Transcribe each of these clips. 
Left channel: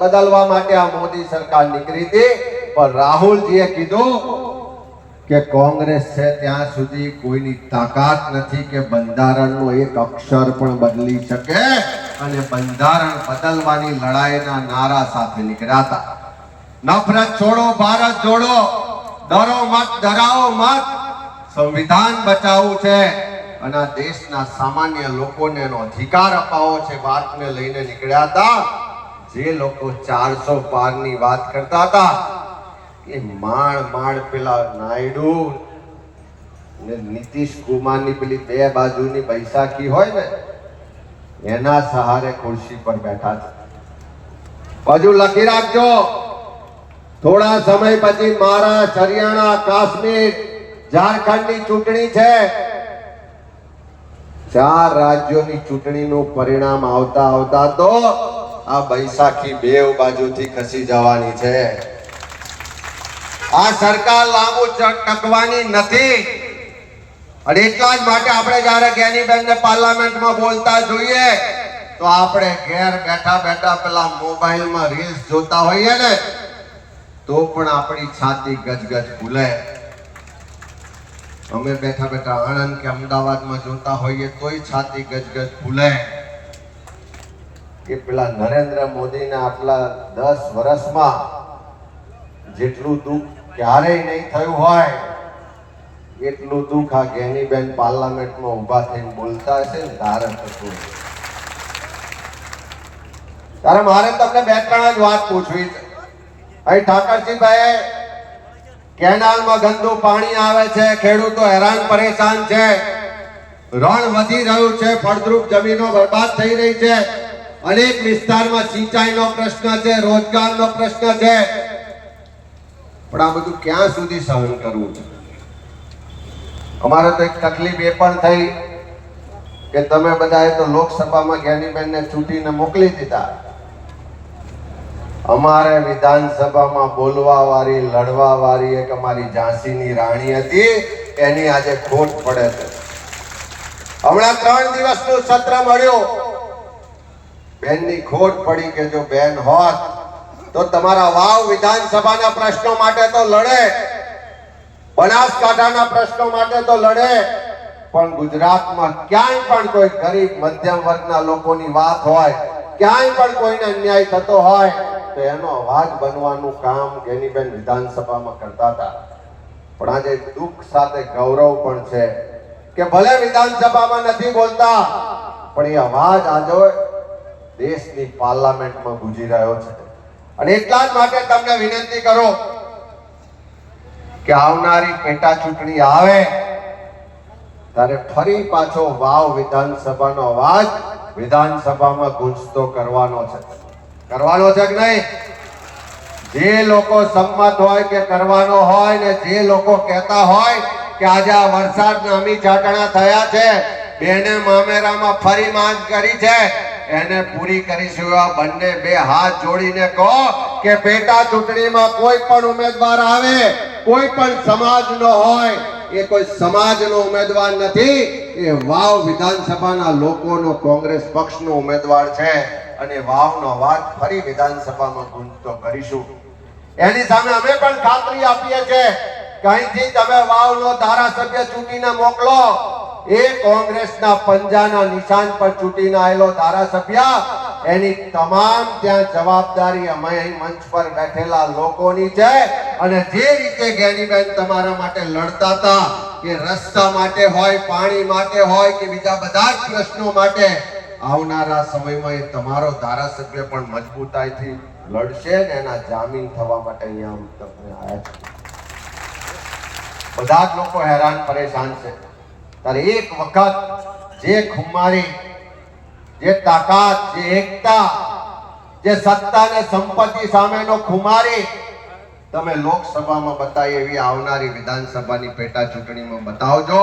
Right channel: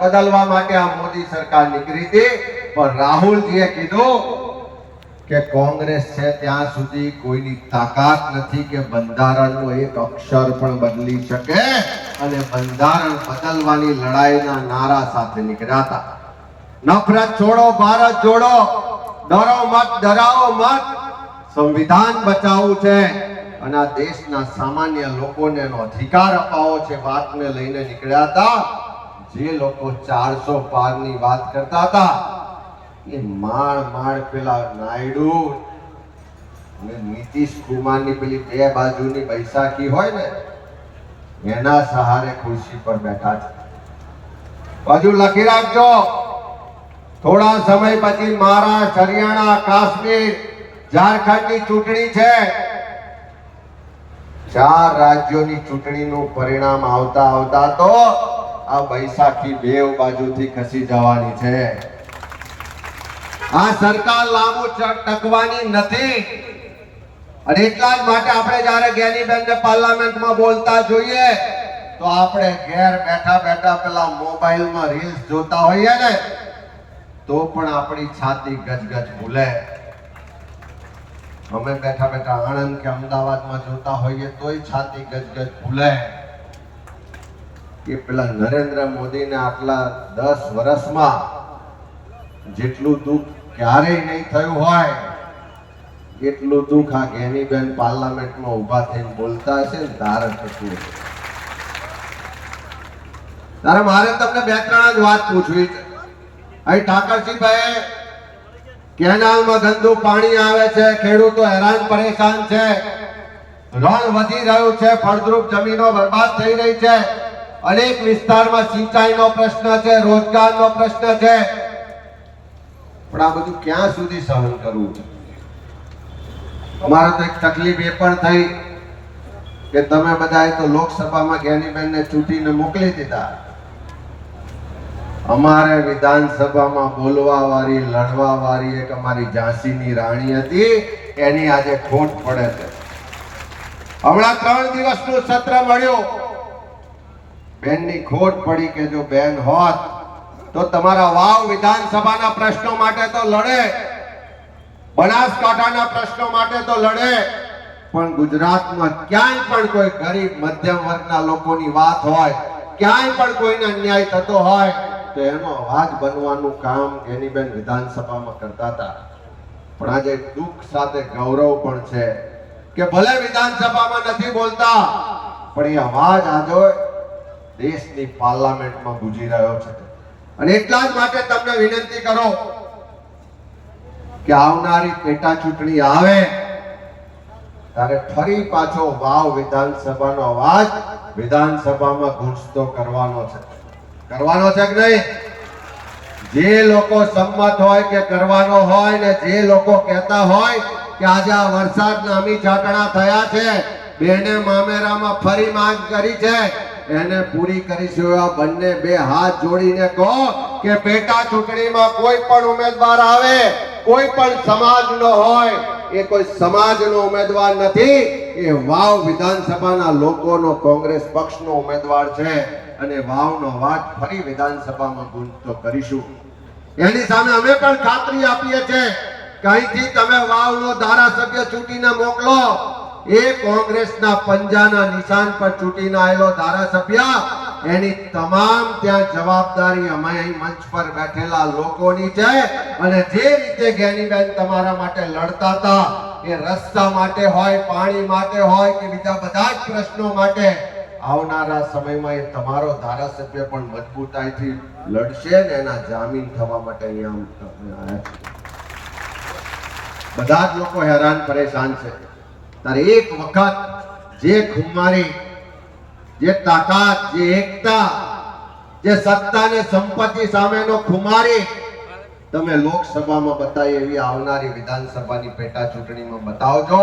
બદલવા માટે આ મોદી સરકાર નીકળી હતી. પણ રાહુલજીએ કીધું કે કોંગ્રેસ છે ત્યાં સુધી કોઈની તાકાત નથી કે બંધારણનો એક અક્ષર પણ બદલી શકે. અને બંધારણ બદલવાની લડાઈના નારા સાથે નીકળ્યા હતા. નફરત છોડો, ભારત જોડો. ડરો મત, ડરાવો મત. સંવિધાન બચાવવું છે અને દેશના સામાન્ય લોકોને એનો અધિકાર અપાવો છે વાતને લઈને નીકળ્યા હતા. જે લોકો ચારસો પારની વાત કરતા હતા. એ માળ માળ પેલા નાયડુ ને નીતિશ કુમારની પેલી બે બાજુની બૈસાખી હોય ને એના સહારે ખુરશી પર બેઠા છે. બાજુ લખી રાખજો. થોડા સમય પછી મહારાષ્ટ્ર હરિયાણા, કાશ્મીર, ઝારખંડની ચૂંટણી છે. ચાર રાજ્યોની ચૂંટણીનું પરિણામ આવતા આવતા તો આ બૈસાખી બેવ બાજુથી ખસી જવાની છે. આ સરકાર લાંબુ ટકવાની નથી. અને એટલા જ માટે આપણે જ્યારે જ્ઞાનીબેનને પાર્લામેન્ટમાં બોલતા જોઈએ, તો આપણે ઘેર બેઠા બેઠા પેલા મોબાઈલમાં રીલ્સ જોતા હોઈએ ને, તો પણ આપણી છાતી ગજગજ ભૂલે. અમે બેઠા બેઠા આણંદ કે અમદાવાદમાં જોતા હોઈએ તોય છાતી ગજગજ ભૂલે. એ પેલા નરેન્દ્ર મોદીને આટલા દસ વર્ષમાં જેટલું દુઃખ ક્યારેય નહીં થયું હોય એટલું દુઃખ આ ગેનીબેન પાર્લામેન્ટમાં ઊભા થઈને બોલતા હશે ને, તારે થતું તારે મારે તમને બે ત્રણ જ વાત પૂછવી છે. અહીં ઠાકરસિંહભાઈ કેનાલમાં ગંદુ પાણી આવે છે, ખેડૂતો હેરાન પરેશાન છે. રણ વધી રહ્યું છે, ફળદ્રુપ જમીનો બરબાદ થઈ રહી છે. અનેક વિસ્તારમાં સિંચાઈનો પ્રશ્ન છે, રોજગારનો પ્રશ્ન છે. પણ આ બધું ક્યાં સુધી સહન કરવું છે? અમારે તો એક તકલીફ એ પણ થઈ કે તમે બધાએ તો લોકસભામાં જ્ઞાનીબેનને ચૂંટીને મોકલી દીધા. અમારે વિધાનસભામાં બોલવા વાળી લડવા વાળી એક અમારી ઝાંસીની રાણી હતી, એની આજે ખોટ પડે છે. હમણાં ત્રણ દિવસનું સત્ર મળ્યું. બેનની ખોટ પડી કે જો બેન હોત, તો તમારા વાવ વિધાનસભાના પ્રશ્નો માટે તો લડે. બનાસકાંઠાના પ્રશ્નો માટે તો લડે. પણ ગુજરાતમાં ક્યાંય પણ કોઈ ગરીબ, મધ્યમ વર્ગના લોકોની વાત હોય, ક્યાંય પણ કોઈને અન્યાય થતો હોય, તો એનો અવાજ બનવાનું કામ ગેનીબેન વિધાનસભામાં કરતા હતા. પણ આજે દુઃખ સાથે ગૌરવ પણ છે કે ભલે વિધાનસભામાં નથી બોલતા, પણ એ અવાજ આજે દેશની પાર્લામેન્ટમાં ગુજી રહ્યો છે. અને એટલા જ માટે તમને વિનંતી કરો કે આવનારી પેટા ચૂંટણી આવે, ત્યારે ફરી પાછો વાવ વિધાનસભાનો અવાજ વિધાનસભામાં ગુંજતો કરવાનો છે. કરવાનો છે કે નહીં? જે લોકો સંમત હોય કે કરવાનો હોય ને જે લોકો કહેતા હોય કે આજે આ વરસાદ નામી છાટણા થયા છે, બેને મામેરામાં ફરી માંગ કરી છે, એને પૂરી કરીશું એવા બંને બે હાથ જોડીને કહો કે પેટા ચૂંટણીમાં કોઈ પણ ઉમેદવાર આવે. કોઈ પણ સમાજનો હોય, એ કોઈ સમાજનો ઉમેદવાર નથી, એ વાવ વિધાનસભાના લોકોનો કોંગ્રેસ પક્ષનો ઉમેદવાર છે. અને વાવનો વાત ફરી વિધાનસભામાં ગુંજતો કરીશું. એની સામે અમે પણ ખાતરી આપીએ છીએ કે તમે વાવનો ધારાસભ્ય ચૂંટીને મોકલો. એ કોંગ્રેસના પંજાના નિશાન પર ચૂંટીને આવેલો ધારાસભ્ય એની તમામ ત્યાં જવાબદારી અમે અહીં મંચ પર બેઠેલા લોકોની છે. અને જે રીતે જ્ઞાનીબેન તમારા માટે લડતા હતા, કે રસ્તા માટે હોય, પાણી માટે હોય, કે બીજા બધા જ પ્રશ્નો માટે, આવનારા સમયમાં એ તમારો ધારાસભ્ય પણ મજબૂતાઈથી લડશે ને એના જામીન થવા માટે અહીંયા તમને આવ્યા છે. બધા જ લોકો હેરાન, પરેશાન છે. ત્યારે એક વખત જે ખુમારી જે તાકાત, જે એકતા, જે સત્તા ને સંપત્તિ સામેનો ખુમારી તમે લોકસભામાં બતાવી, એવી આવનારી વિધાનસભાની પેટા ચૂંટણીમાં બતાવજો.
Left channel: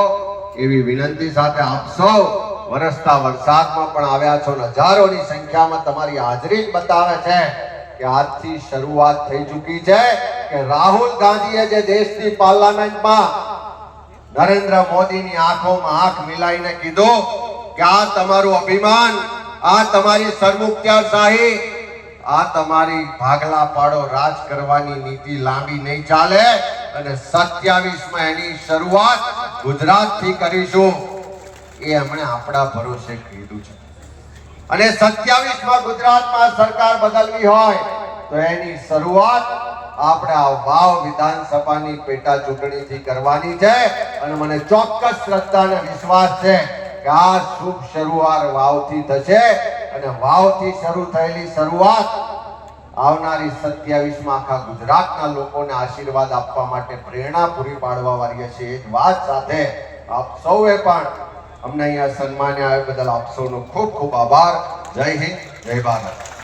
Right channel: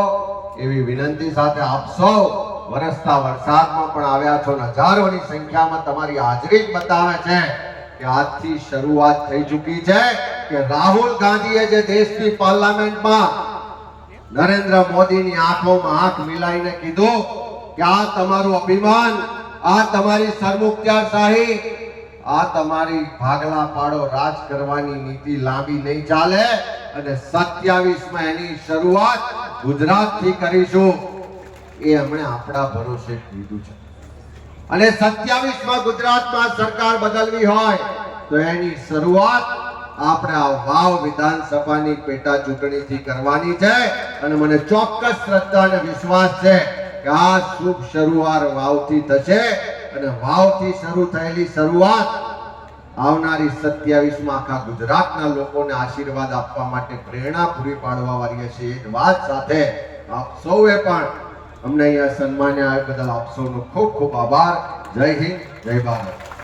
એવી વિનંતી સાથે આપ સૌ વરસતા વરસાદમાં પણ આવ્યા છો હજારોની સંખ્યામાં તમારી હાજરી બતાવે છે કે આજથી શરૂઆત થઈ ચૂકી છે કે રાહુલ ગાંધીએ જે દેશની પાર્લામેન્ટમાં નરેન્દ્ર મોદીની આંખોમાં આંખ મિલાઈને કીધું કે આ તમારું અભિમાન, આ તમારી સરમુખત્યારશાહી આ તમારી ભાગલા પાડો રાજ કરવાની નીતિ લાંબી નહીં ચાલે અને 27 માં એની શરૂઆત ગુજરાતથી કરીશું. એ એમણે આપણા ભરોસે કીધું છે. અને 27 માં ગુજરાતમાં સરકાર બદલવી હોય તો એની શરૂઆત આપણે આ વાવ વિધાનસભાની પેટા ચૂંટણીથી કરવાની છે અને મને ચોક્કસ શ્રદ્ધા અને વિશ્વાસ છે કે આ શુભ શરૂઆત વાવથી થશે અને વાવથી શરૂ થયેલી શરૂઆત આવનારી 27 માં આખા ગુજરાતના લોકોને આશીર્વાદ આપવા માટે પ્રેરણા પૂરી પાડવા વાળી છે એ જ વાત સાથે આપ સૌએ પણ અમને અહીંયા સન્માન્યા બદલ આપ સૌનો ખૂબ ખૂબ આભાર. જય હિન્દ, જય ભારત.